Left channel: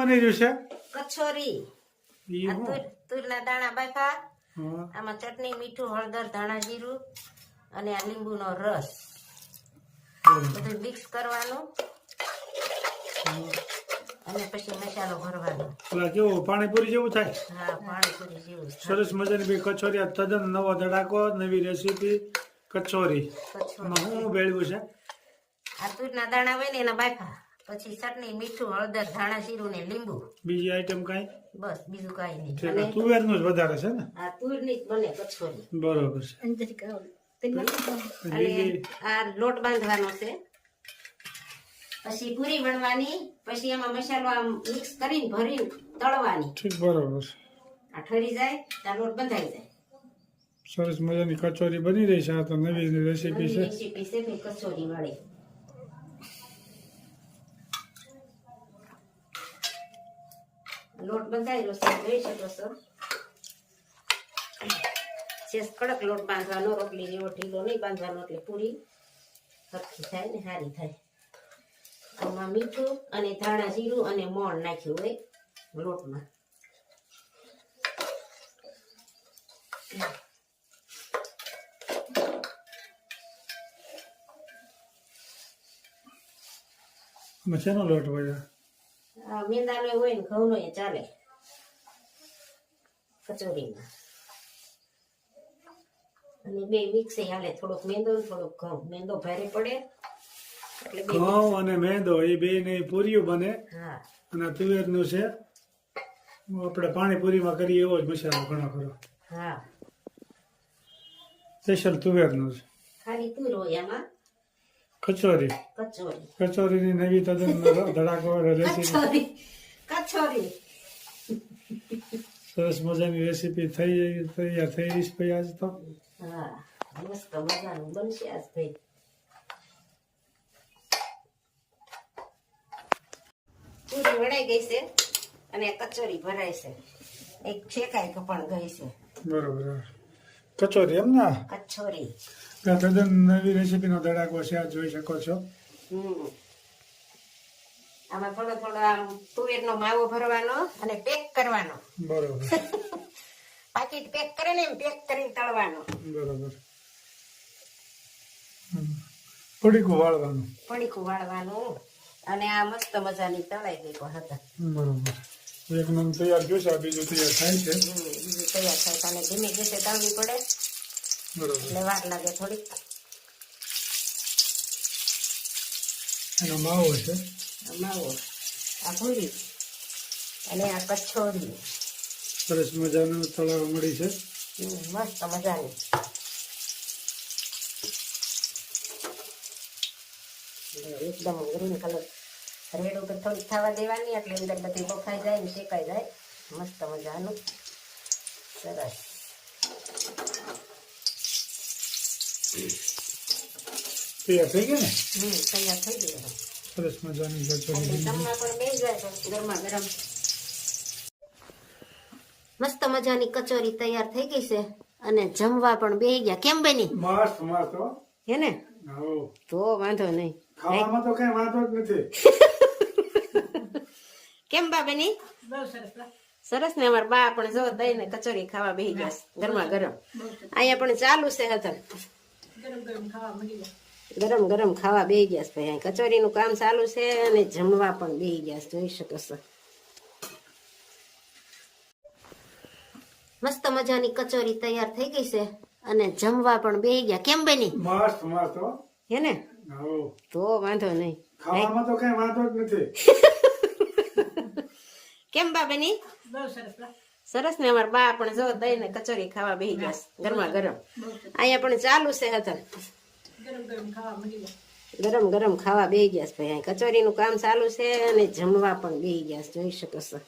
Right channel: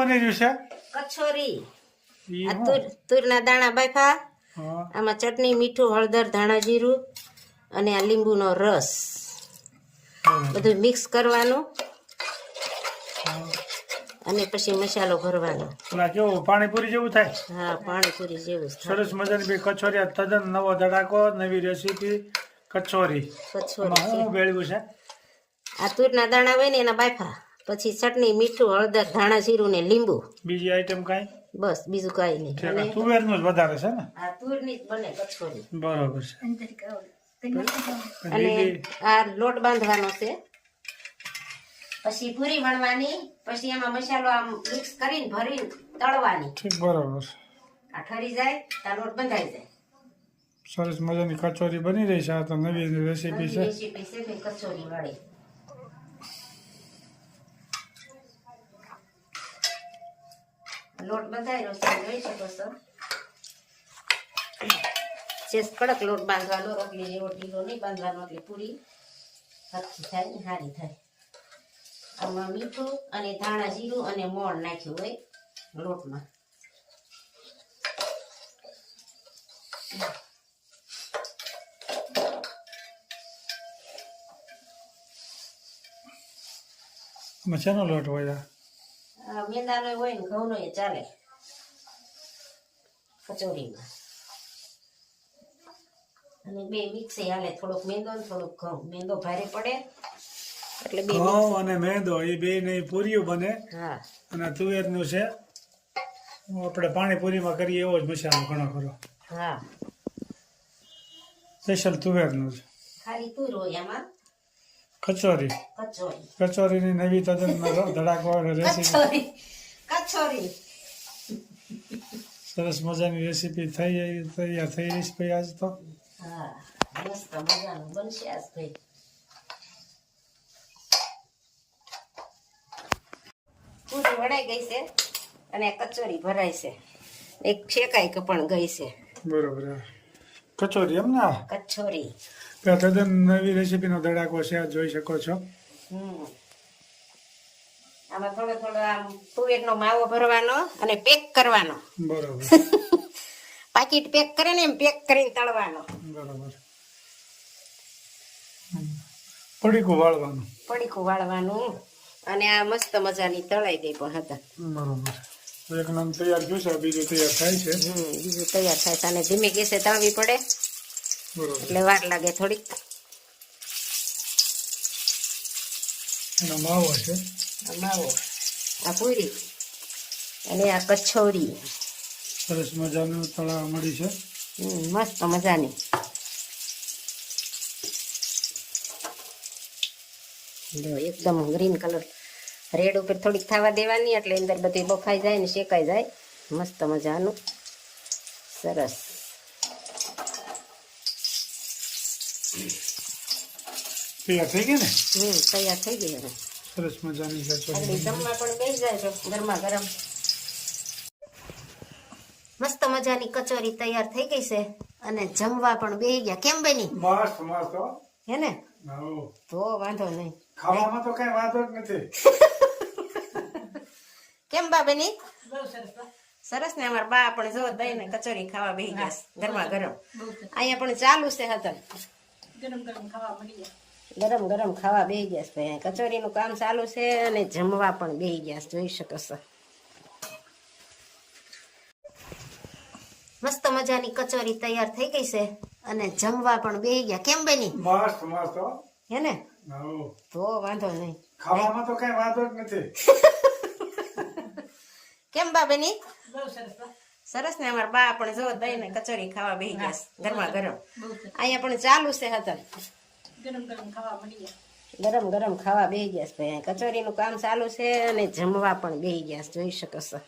બની રહ્યું છે? કચોરી. ઈ આ હું તુરના દાણા બાફા, હા આમાં ચટણી, મીઠું, હળદર, ધાણા જીરું અને આ લીંબુનો રસ બરાબર. બધું મિક્સ કરવાનું હા. અને પછી મસાલો ભરવાનો. પેલા કેવું પાણીપુરી જેવું થાય? હા, પાણીપુરી જેવું જ થાય. સરસ મજાની બે કચોરી, આ તદ્દન નવો ધડાકો, નવી રેસીપી કચોરી. કચોરી એમાં છે. શું ભેળવ્યું છે? આ તુરના દાણા હોય ને એના બાફા, પછી ચટણી, મીઠું, હળદર, ધાણા જીરું ને લીંબુ, બીજી આઈટમ કાંઈ? બસ બીજું કાંઈ નહીં. ઠીક, અને આ તુવેરનું જ વધારે છે ને? આ તુરની જ બને કચોરી. બરોબર છે. અને લીલી આ લોટ બાંધવાનો છે, પછી પૂરી વણવાની, પછી એમાં મસાલો આમ મિક્સ કરીને ભરીને તળવાની. ઠીક, બરોબર. આ ઠરી જાય ત્યાં લોટ બંધાઈ જાય. સરસ મજાની કચોરી બની રહી છે. આ તો નવી રેસીપી નવી છે. રેસીપી છે ભાઈ કચોરી વાળી. લોટ બંધાયેલો છે જોઈ શકો છો. સેજ કડક લોટ બાંધવાનો, રોટલી જેવો ઢીલો નહીં બાંધવાનો, એટલે પૂરી સરખી થાય ને સારી થાય. આમાં મીઠું અને ધાણા જીરું અને મોણ નાખ્યું હોય લોટમાં. આમાં શેનો લોટ હોય? આ મેંદાનો હોય ને ઘઉંનો એ ચાલે કચોરીમાં. અને બે મિક્સ હાલે, થોડોક મેંદો ને થોડોક ઘઉં. મેંદો ભારે પડે એટલે બે ઘઉં અને મેંદો એ બે ને પૂરીઓ બને. હા અને આ તુવેરનું છે, આપણે પાણીપુરીમાં કરીએ એવો જ મસાલો ઘણો ખરો. હા, સ્પેશિયલ તુવેરનું છે. ખાલી તુર હોય આમાં. કચોરી, કચોરી કચોરીની નવી તદ્દન ધડાકો રેસીપી. કચોરી સરસ મજાની રેસીપી તૈયાર થઈ રહી છે ભાઈ આજ તો. હા, મસ્ત મજાનું બનશે આજ ભાઈ. પૂરી વણાઈ ગઈ છે અને કચોરી ભરાય છે. એક શેકાઈ પણ ગઈ છે બરોબર. કચોરી એમ ને? કચોરી. આ તદ્દન નવી રેસીપીનો ધડાકો છે, આ જોઈ શકો છો. આમાં થોડો થોડો આમ તુવેરનો માવો ભરવાનો અને પેક કરવાનો. બરોબર. પાકીટ પેક કરે ને એમ પેક કરીને તળવાનો. બરોબર. પડીકું વાળવાનું. પડીકું વાળવાનું. અને આ મસ્ત મજાની તળાઈ ગઈ પણ હતા. બરોબર. એક નામ તૈયાર થયું છે, બીજું તૈયાર થાય છે. બીજું તૈયાર થાય છે. અને ધીમે ગેસે તળવી પડે બરોબર. એટલે વાર લાગે થોડીક. એનો માવો છે. આ માવો, આ પૂરી અને આ કચોરી. સરસ મજાનું તળાવ મળી છે. મસ્ત મજાની. જો એકદમ ગ્રીન કલર રેડ ઉપર થોડીક થવા દેવાની, એટલે અંદર બધી બફાઈ જાય ને શેકાઈ જાય. મસ્ત મજાનું સરસ. તૈયાર થઈ ગઈ ને? તૈયાર થઈ ગઈ હવે. સરસ મજાની કચોરી. જમવા પણ બેસી જાય છે ગરમા ગરમ. મસ્ત મજાની કચોરી તૈયાર થઈ ગઈ છે અને જમવા પણ બેસી ગયા. કેમ બની? મસ્ત મસ્ત. હે ને? હો. તો વાંધો નહીં. ખાવામાં તો કઈ વાંધો જ નથી. કેમ બા બની? સરસ ને. અમારા બા પણ જો દહીં ને કચોરી ખાવા બેસી ગયા છે ગરમા ગરમ. અહીંયા પણ ચાલુ છે હતા. ગરમ ગરમ ખાવા બેસી ગયા છે ભાઈ. કચોરીનું કામ ચાલુ છે અને જમવા પણ બેસી ગયા છે, જોઈ શકો છો. મસ્ત મજાની કચોરી તૈયાર થઈ ગઈ છે અને જમવા પણ બેસી ગયા. કેમ બની? મસ્ત મસ્ત. હે ને? હો. તો વાંધો નહીં. ખાવામાં તો કઈ વાંધો જ નથી. કેમ બા બની? સરસ ને. અમારા બા પણ જો દહીં ને કચોરી ખાવા બેસી ગયા છે ગરમા ગરમ. અહીંયા પણ ચાલુ છે હતા. ગરમ ગરમ ખાવા બેસી ગયા છે ભાઈ. કચોરીનું કામ ચાલુ છે અને જમવા પણ બેસી ગયા છે, જોઈ શકો છો.